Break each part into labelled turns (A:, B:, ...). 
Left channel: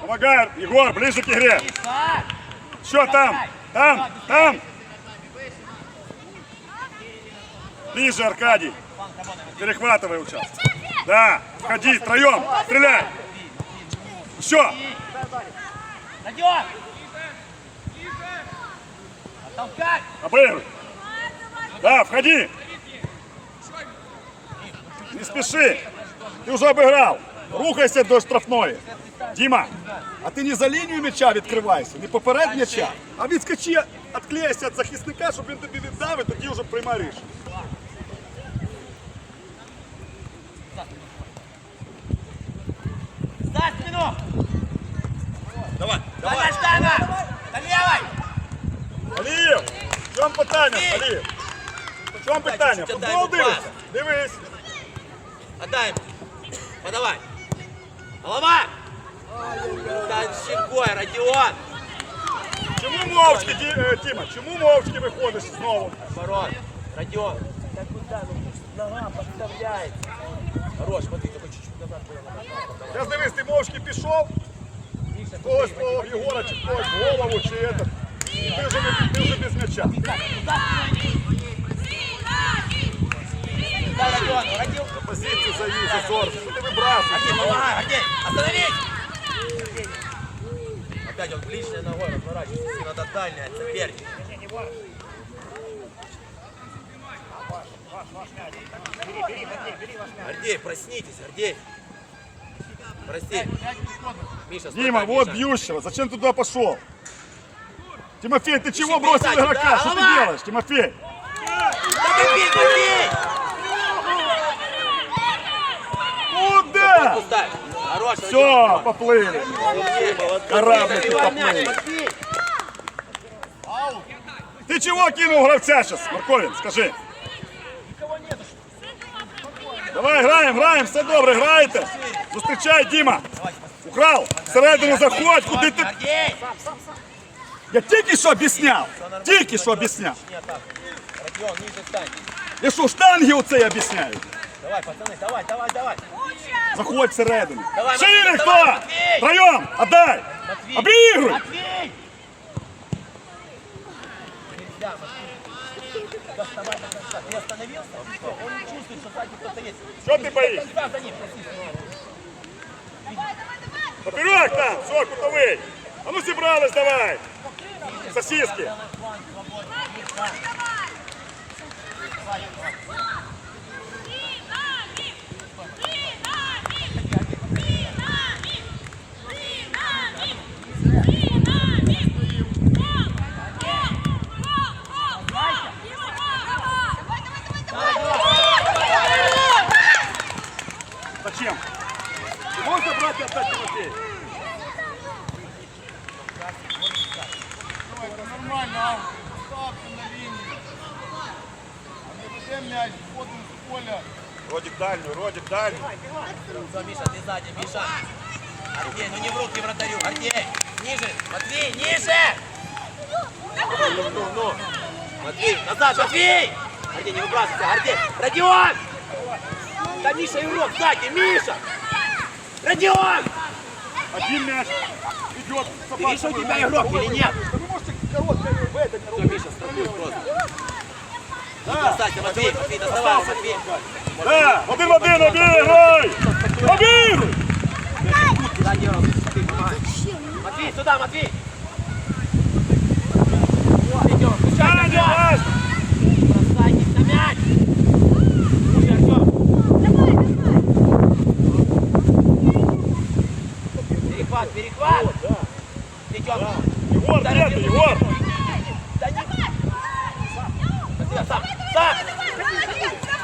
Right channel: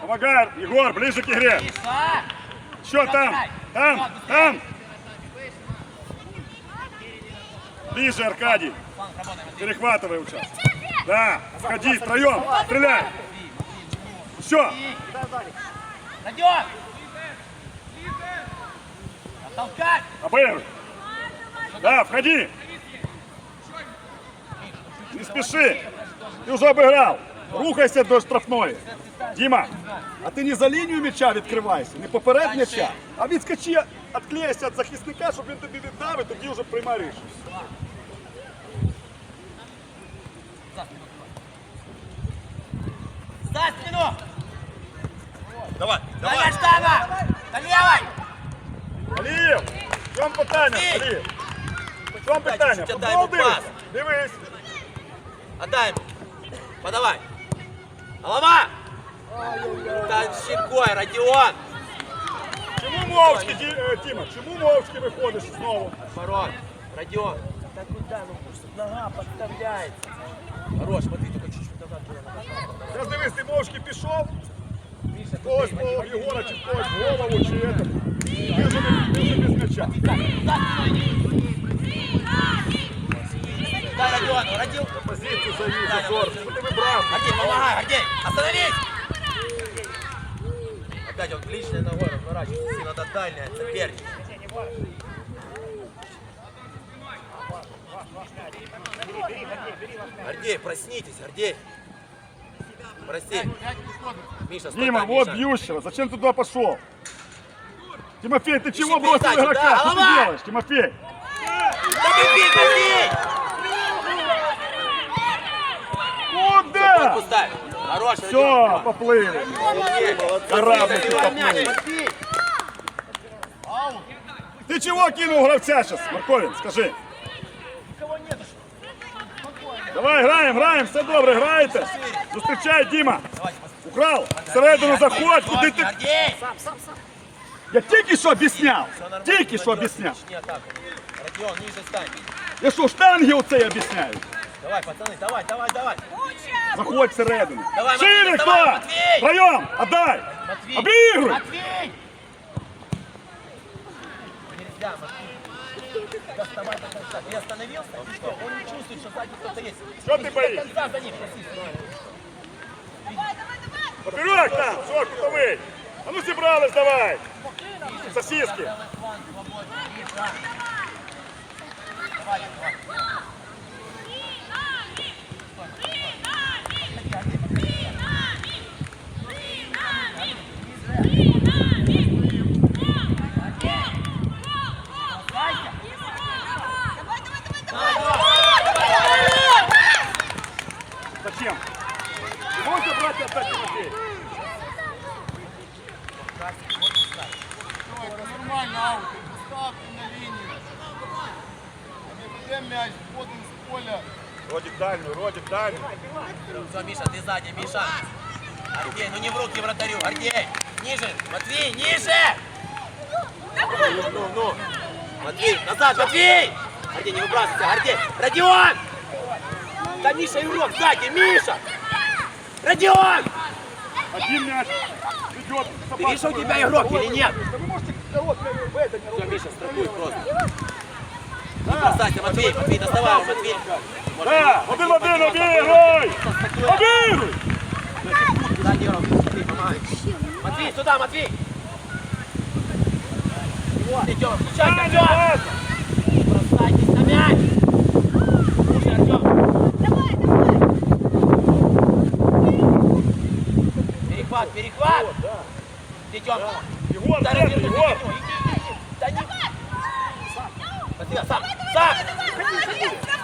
A: Помогай, Егор, ближе к игре. Что там? Там, там. Ближе, Аркадий. Перехватывай участок. Да, входи, втроем, стреляй. Все, обыгрывай. Да, входи. Не спеши. Ты уже обыграл. Рухайся до штрафної. Діма, а ти не за лінію м'яча відкривайся, не поперед м'яча, а відскочи, відклеїся від захисника, щоб він тобі віддав і тоді вже приймай рішення.
B: За спину!
C: Давай,
B: Давай,
C: давай.
B: штаба! До левой!
A: Алієв, в чому питання, Алієв? В чому питання?
C: чуть-чуть
A: Футбол
C: отдай йому
A: дивишся? Дивись.
C: Отдай ему. Подавай. Голова. Да щекой, Родион.
A: Чому мовчки, Ді- е, Тіма, чому мовчки виходиш знову?
C: Оборот. Родион. Да куда? Ну, нога подставляется. Хорош, смотри, только чуть-чуть назад было. надо.
A: Я дивись, ти мовчки пішов, когось по Єгора чи в когось в голову, чи это. Ти вже, не- ти вже без м'яча.
C: Дай, Родион, Родион.
A: Позицію завів, зазор. Що ти вибрав?
C: Гордей, помогай, Гордей. Остановись. Опять он ближняя ногой разворачивается. Надо дальняя, соперник. Гордей, проснитесь, Гордей. Прости. Миша, стой
A: Дима, вот
C: Миша.
A: бьющего. Зачем ты туда пошел? Тимофей, ты чего
C: Ищи
A: бросил игрока?
C: да,
A: Что ты делаешь, Тимофей?
C: Да бей, бей!
A: Куда?
C: Пускай. Хорош,
A: Все, поплыли.
C: Родион.
A: Кораблики поплыли. Ты чего кинул гравця сейчас, Марковин, скажи? Давай, граємо, граємо, все добре, граєте. Зустрічай, Діма. Украл, всередину заходь, куди ти.
C: Гордей.
A: Я тільки що об'ясняв. Тільки що об'ясняв.
C: Родион, ниже стань.
A: Я що, штанги оце об'ясняю?
C: Давай, пацаны, давай, давай, давай.
A: Заходь всередину.
C: Давай,
A: Шире
C: Матвій,
A: хто?
C: давай, Матвій!
A: Втроєм, отдай.
C: Матвій.
A: Обігруй.
C: Матвей! Нельзя, Матвей. Доставай до конца. Ты остановился, и все. Он не чувствует, что сзади кто-то есть.
A: Що ти
C: До
A: боїшся?
C: конца за ним, проси.
A: Поперек там, все, кутовий. А ну зібрались, давай. Сосиски. Зачем? Ты можешь забрать и отдать Тимофею?
D: Это нормально, аут. Поставьте на линию. Где мяч? Входим с поля.
A: Родик дальнюю, Родик дальнюю.
C: Все, Миша, ты сзади, Миша. Гордей, ну не в руки вратарю, Гордей. Ниже, Матвей, ниже! Ну, ну, ну. Матвей, назад, Матвей! Гордей, не выбрасывайся, Гордей. Родион! Да Миша игрок сзади, Миша! Родион!
A: Один мяч идет.
C: Миша, у тебя игрок или нет?
A: Да вы можете короткое в это не рубить.
C: Миша, страхуй просто. Не бросайся, Матвей, Матвей, доставай Матвей.
A: Да, один в один?
C: Ты помогай. Матвей, сюда, Матвей! Идем, включай,
A: Саня,
C: Артем!
A: наш!
C: Садись на мяч! Включай, Артем! Перехват, перехват! Идем!
A: Егор, где ты, Егор?
C: Да не... Матвей, сам, сам!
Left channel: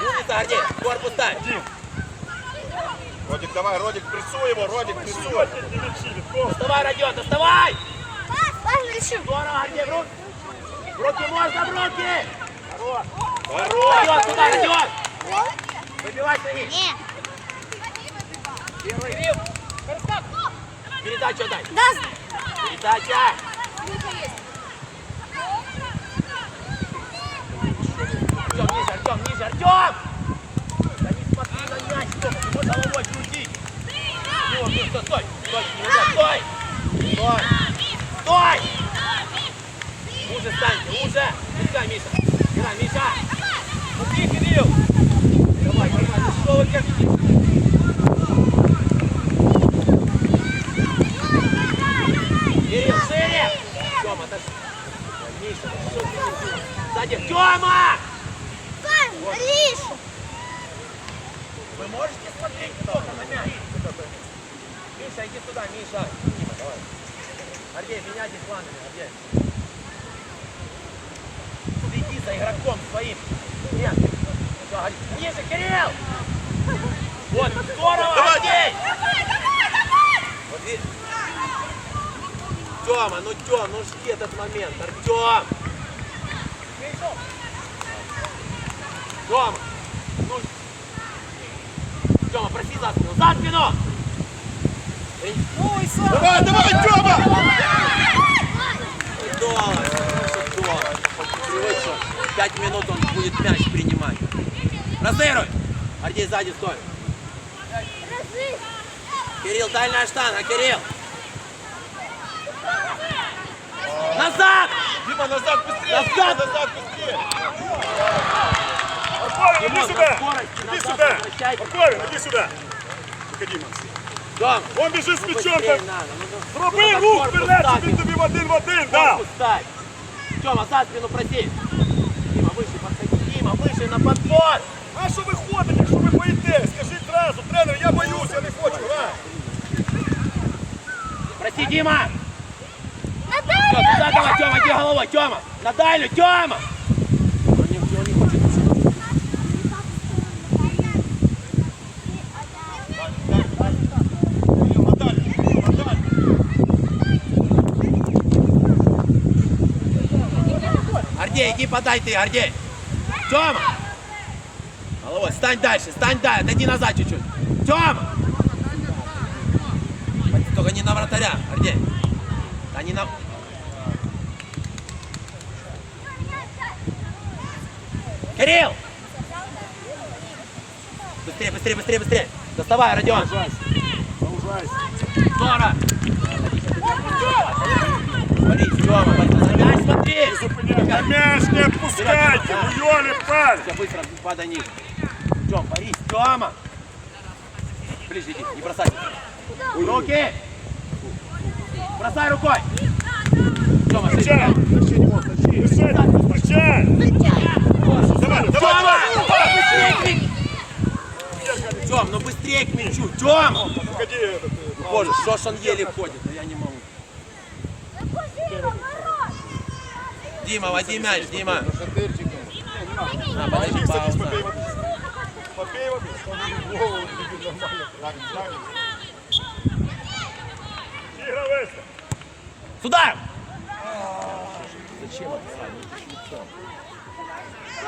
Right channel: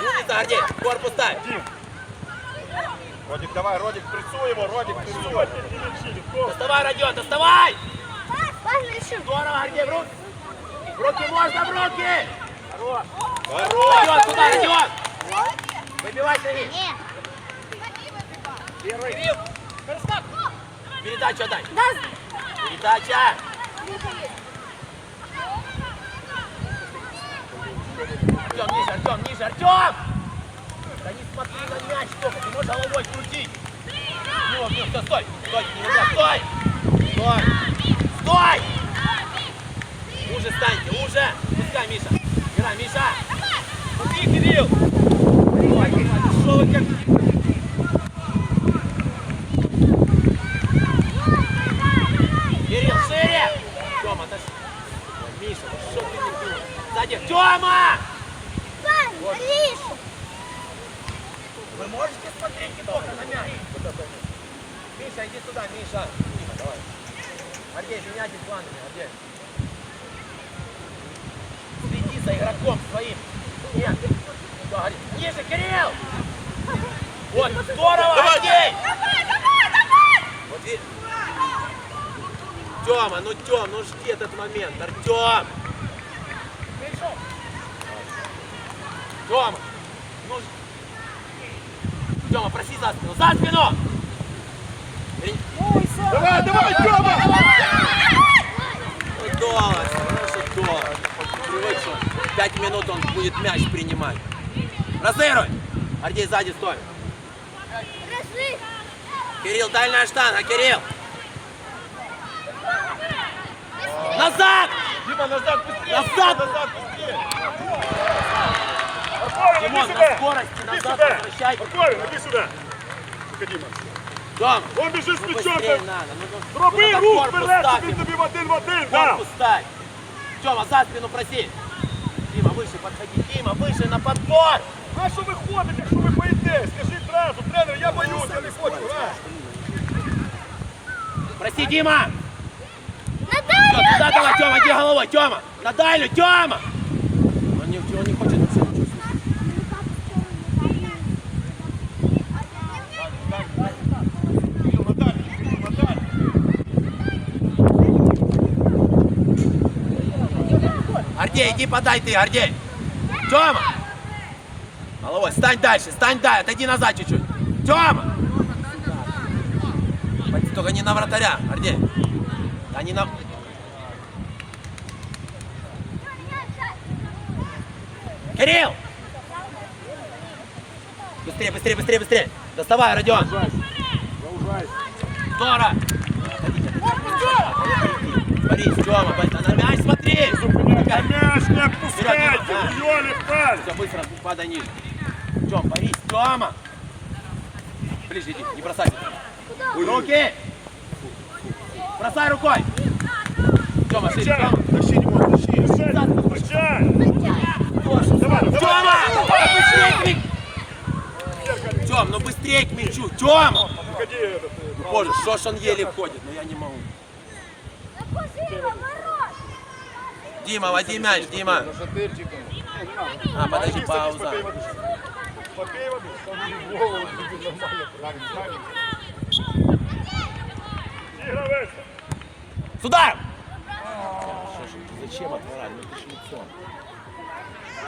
C: Умница, Гордей, корпус дай!
A: Родик, давай, Родик, прессуй его, Родик, прессуй.
C: Доставай, Родион, доставай! Здорово, Гордей, в руки! В руки можно, в руки! Туда, Родион! Выбивай свои! Первый! Передача дай! Передача! Артем, ниже, Артем, ниже, Артем! Да не смотри на мяч, только, ты можешь головой крутить! Ну, ну, стой, стой, стой, стой! Стой! Уже станьте, уже! Пускай, Миша! Играй, Миша! Смотри, Кирилл! Давай, Кирилл, что вы как... Кирилл, шире! Тёма, это ж- Миша, что ты не делаешь? Сзади, Тёма! Вы можете смотреть только на мяч? Миша, иди туда, Миша. Дима, давай. Гордей, меняйте планами, Гордей. Следи за игроком своим. Нет. Да, Гордей. Ниже, Кирилл! Вот, здорово, Гордей! Вот видишь? Тёма, ну Тём, ну жди этот момент, Артём! Тёма! Ну... Тёма, проси за спину, за спину! Ой,
A: Давай, давай, Тьома!
C: Ой, Дома, ну что Дома. Привык, что пять минут он будет мяч принимать. Разыгрывай! Ардей сзади стой. Кирилл, дальняя штанга, Кирилл! Назад!
A: Дима, назад быстрее!
C: Назад!
A: Назад быстрее!
C: Ты
A: Иди
C: можешь
A: сюда!
C: на скорости
A: Иди
C: назад
A: сюда!
C: возвращайся.
A: Спокойно, иди сюда! Тихо, Дима.
C: Тём,
A: Он біжить з м'ячом!
C: быстрее
A: там.
C: надо. ну,
A: Зроби
C: надо
A: рух
C: корпус
A: вперед, щоб
C: ставить.
A: він тобі в один в один дав!
C: Корпус ставь. Тёма, за спину проси. Дима, выше подходи. Дима, выше на подбор.
A: На що ви ходите, якщо ви боїтесь? Скажіть одразу, тренер, я боюсь, я не хочу. Раз.
C: Прости, Дима! Всё, туда давай, Тёма, иди головой, Тёма! На дальнюю, Тёма! Гордей, иди подай ты, Гордей! Тёма! Головой, стань дальше, стань дальше, отойди назад чуть-чуть. Тёма! Только не на вратаря, Гордей. А не на... Кирилл! Быстрее, быстрее, быстрее, быстрее! Доставай, Родион! Здорово! Смотри, Тёма, на мяч смотри!
A: На м'яч не відпускайте, уйони паль!
C: Все, быстро, падай ниже. Тём, борись, Тёма! Ближе иди, не бросай. Руки! Бросай рукой! Тёма,
A: Включай!
C: шире.
A: Включай! Давай, давай!
C: К мячу! Тём, ну быстрее к мячу!
A: Э,
C: Боже, ж он еле ходит? Да я не Дима, води мяч, Дима.
D: Шатырчиком.
C: А, подожди, пауза.
A: Попей воды.
D: Голову тебе нормально. Ладно, ладно.
A: Ігровець.
C: С ударом!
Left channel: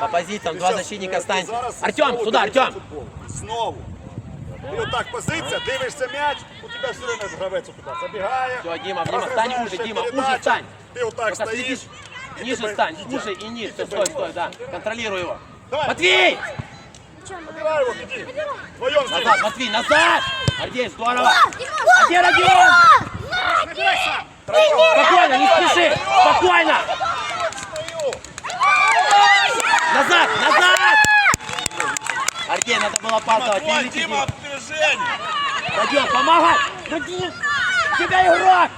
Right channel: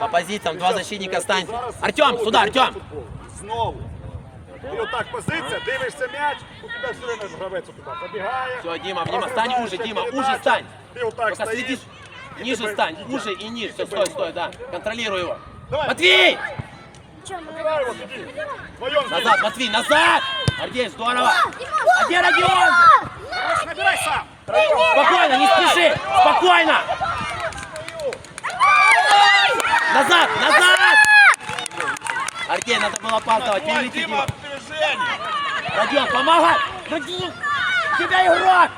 C: По позициям два защитника станьте.
A: Зараз
C: Артем,
A: знову
C: сюда,
A: дивишся
C: Артем!
A: футбол. Знову. Ти отак позиція, дивишся м'яч, у тебе все время гравець туди забігає.
C: Всё, Дима, Дима, стань
A: розгружаєш
C: уже, Дима,
A: передачу,
C: уже стань.
A: Ти отак
C: Только следи,
A: стоїш. і
C: ниже
A: тебе
C: стань,
A: їдять.
C: уже и ниже. Стой, стой, да. Контролируй его.
A: Давай.
C: Матвей!
A: Забирай його, іди. Вдвоєм з ним.
C: Назад, Матвей, назад! Гордей, здорово! А где Родион? Спокойно, не спеши! Спокойно! Назад, назад! Артей, надо было пасовать, перелети, Дима. Родион, помогай! Родион, тебя игрок!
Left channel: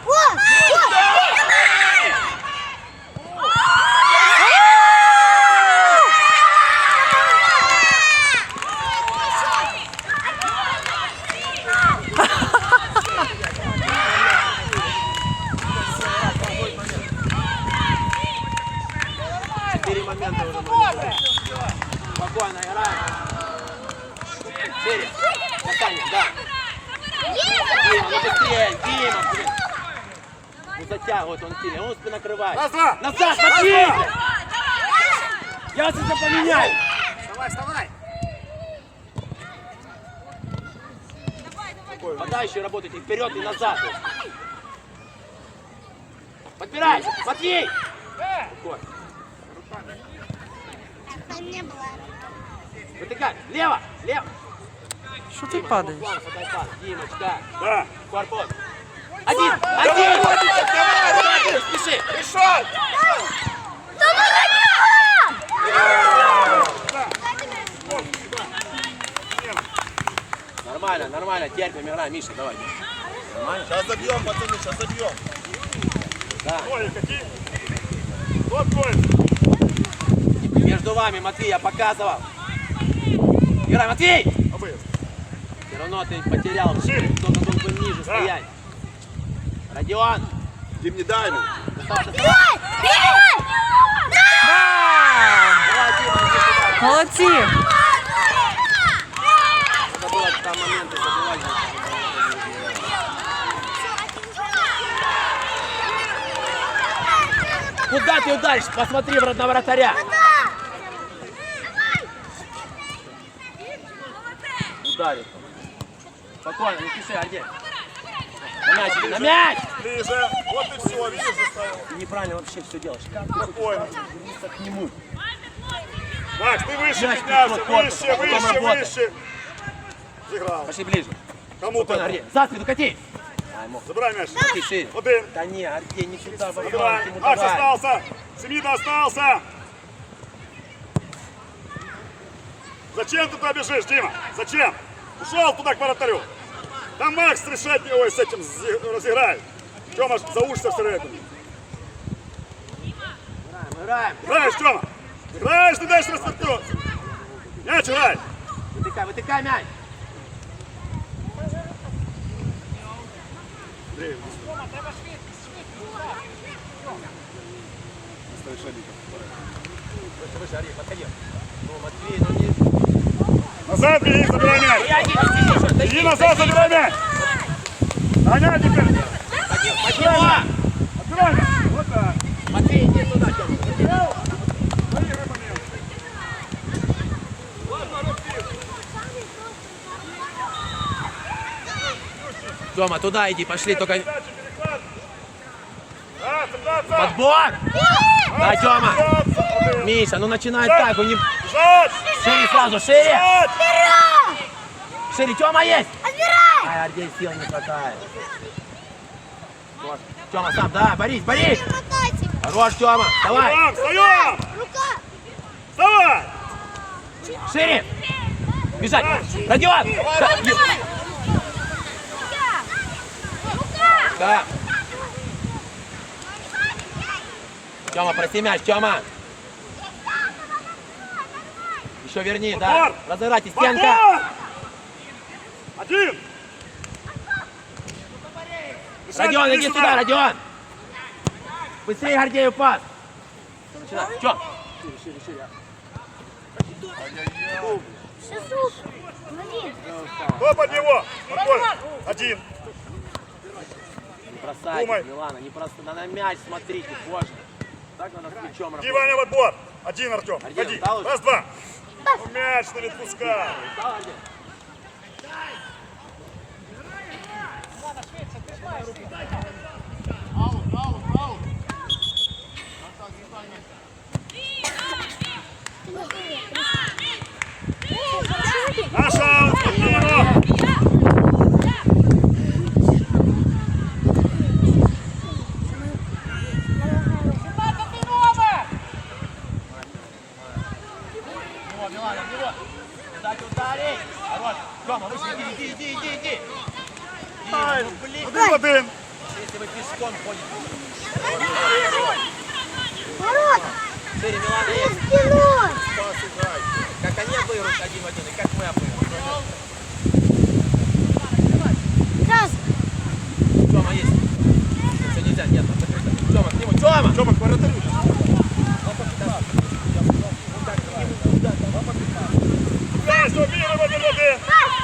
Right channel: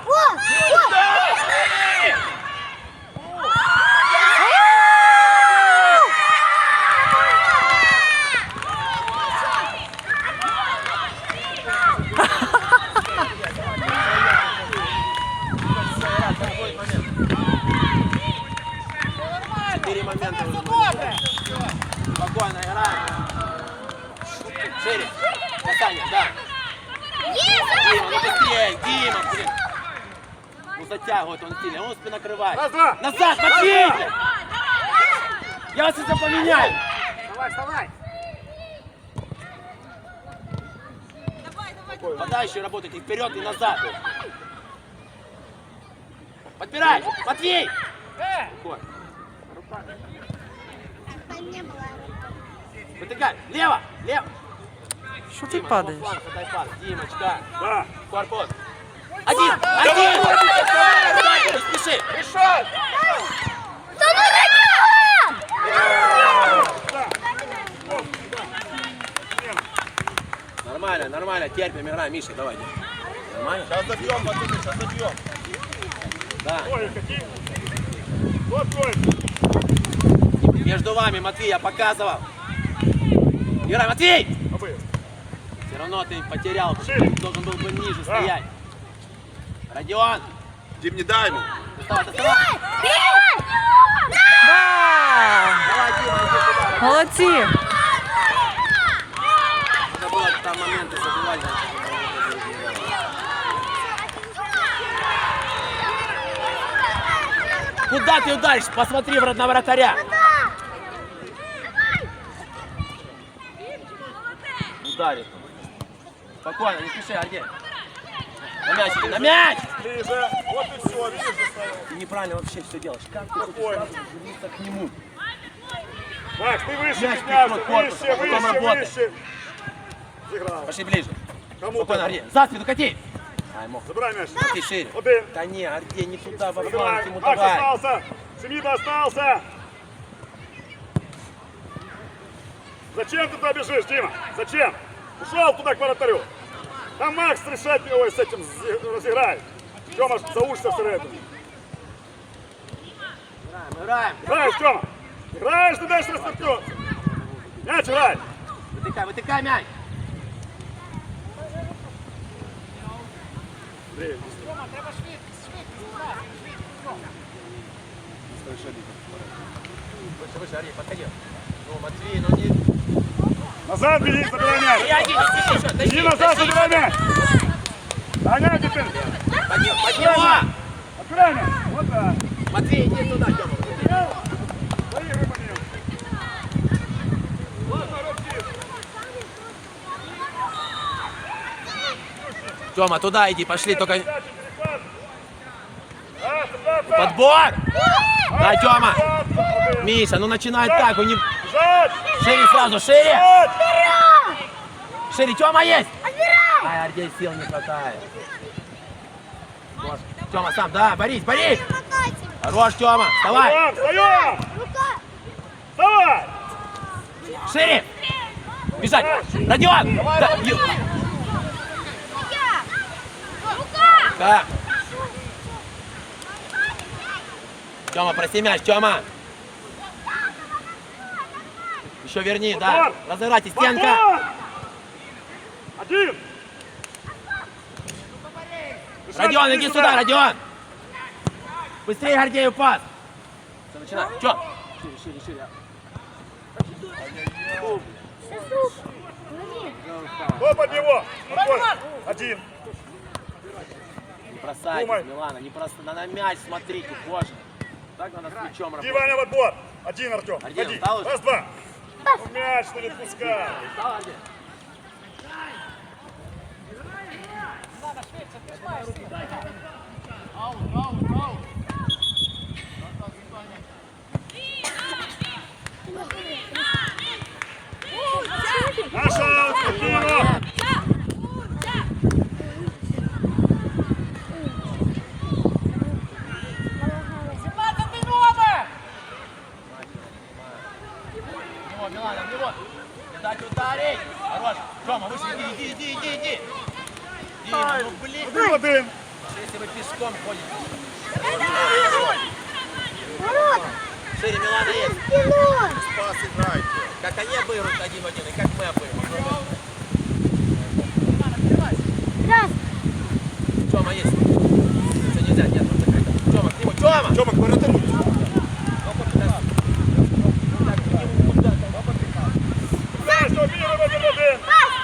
C: Саня, да. Дима, ну быстрее, Дима, блин. Ну затягивает он сильно, он спину накрывает.
A: Назад!
C: Назад, Матвей! Я это поменяю.
B: Вставай, вставай!
C: Тогда еще работайте вперед и назад. Подбирай! Матвей! Вытыкай! Лево! Лево!
E: Що ти падаєш?
A: Да.
C: Один! Один! Не спеши!
D: Решай!
E: Ну!
C: Нормально, нормально, терпим, играем. Миша, давай. Нормально?
D: Сейчас забьем, пацаны, сейчас забьем.
A: Ой, какие. Вот твой.
C: Между вами, Матвей, я показывал. Играй, Матвей! Все равно ты потерял. Должен был бы ниже стоять. Родион!
D: Дим, не дай ему.
F: Да! Молодці!
C: Куда ты ударишь? Посмотри в на вратаря. Ударил. Спокойно, не спеши, Альдер. На мяч, на мяч!
A: Ближе. Вот и все, видишь, заставил.
C: Ты неправильно вообще все делаешь. Как ты
A: Спокойно.
C: вернуться к нему?
A: Макс, ты выше
C: Мяч
A: поднялся,
C: корпусом,
A: выше, выше,
C: работай.
A: выше. Сыграл.
C: Пошли ближе.
A: Кому
C: Спокойно,
A: то
C: Арди. За спину кати.
A: Забирай мяч.
C: Кати шире.
A: Один.
C: Да не, Арди, не туда, во фланг
A: Макс остался. Семида остался. Зачем ты туда бежишь, Дима? Зачем? Ушел туда к вратарю. Там Макс решать его с этим разыграет. Тёма, заушься всередину.
C: Играем.
A: Играешь, Тёма. Играешь, ты дальше растолкнется. Мяч играй.
C: Вытыкай, вытыкай мяч.
A: Андрей,
C: Выше, Арди, подходи. Ну, Матвей, ну не...
A: Назад беги, забирай мяч. Иди назад, забирай мяч. Таня, теперь.
C: Тёма!
A: Открывай мяч. Вот так.
C: Матвей, иди туда, Тёма.
A: Поиграй момент. Ладно, разбил.
C: Тёма, туда иди, пошли, только...
A: Передача, перехват. Да, сюда, пас.
C: Подбор! Да, Тёма! Миша, ну начинай так, у не... Шире сразу, шире! Шире, Тёма есть! Ай, Ардей сил не хватает. Вот. Тёма, сам, да, борись, борись! Хорош, Тёма, давай!
A: Встаем. Вставай.
C: Шире! Бежать! Родион! Да, Да. Тёма, проси мяч, Тёма! Еще верни, да. Разыграйте, стенка!
A: Один.
C: Родион, иди сюда, Родион! Быстрее Гордею пас! Шире.
A: Кто под него? Один.
C: Не бросайте. Милана, не просто на мяч смотрите, боже.
A: В отбор. Один, Артем.
C: Уже?
A: Раз, два. Ну, мяч не отпускай. Наша аут, спокойно.
C: О, Милана, в него. Дать ударить. Хорош. Тёма, выше, иди, иди, иди, иди. Дима, ну блин.
A: Один в один.
C: Если вы пешком ходите.
E: Ворота!
C: Шире, Милана, есть.
E: Спиной!
C: Пас играйте. Как они обыгрывают один в один, и как мы обыгрываем.
E: Раз!
C: Тёма есть. Все нельзя, нет. Тёма, к нему. Тёма!
A: Что, как воротарю? Мяч, обыгрывай один в один.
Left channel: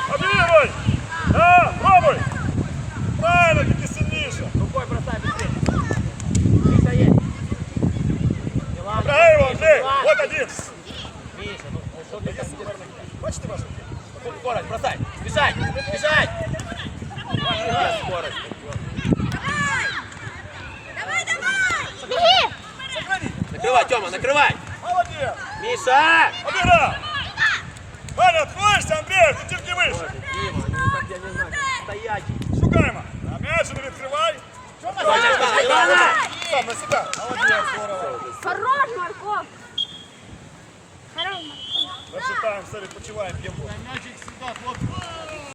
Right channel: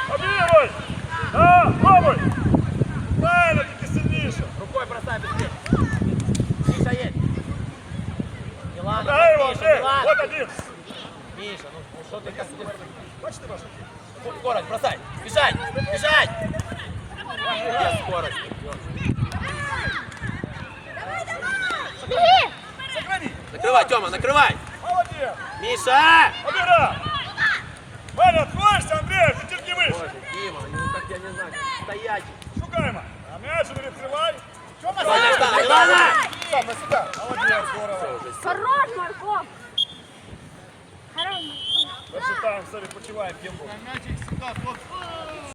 A: Обыгрывай. Да, пробуй. Правильно, ты сильнейше.
C: Рукой бросай быстрее. Миша есть. Милана,
A: Играй его,
C: Миша,
A: Андрей.
C: Милана.
A: Вот один.
C: Миша, ну, ну что ты там делаешь?
A: Бачите вас?
C: Скорость, бросай. Бежать, бежать. Какая скорость?
E: Беги!
C: Накрывай, Тёма, накрывай.
A: Молодец.
C: Миша!
A: Обыграй. Ваня, откроешься, Андрей, чуть не выше.
C: Боже, Дима, ну как я не знаю, стоять.
A: Шукаємо. А м'яч не відкривай. Сам на себя. Молодец, здорово.
E: Хорош, Марков! Хорош.
A: Перший тайм, все, відпочиваємо, п'ємо.
D: Мячик всегда, хлопці.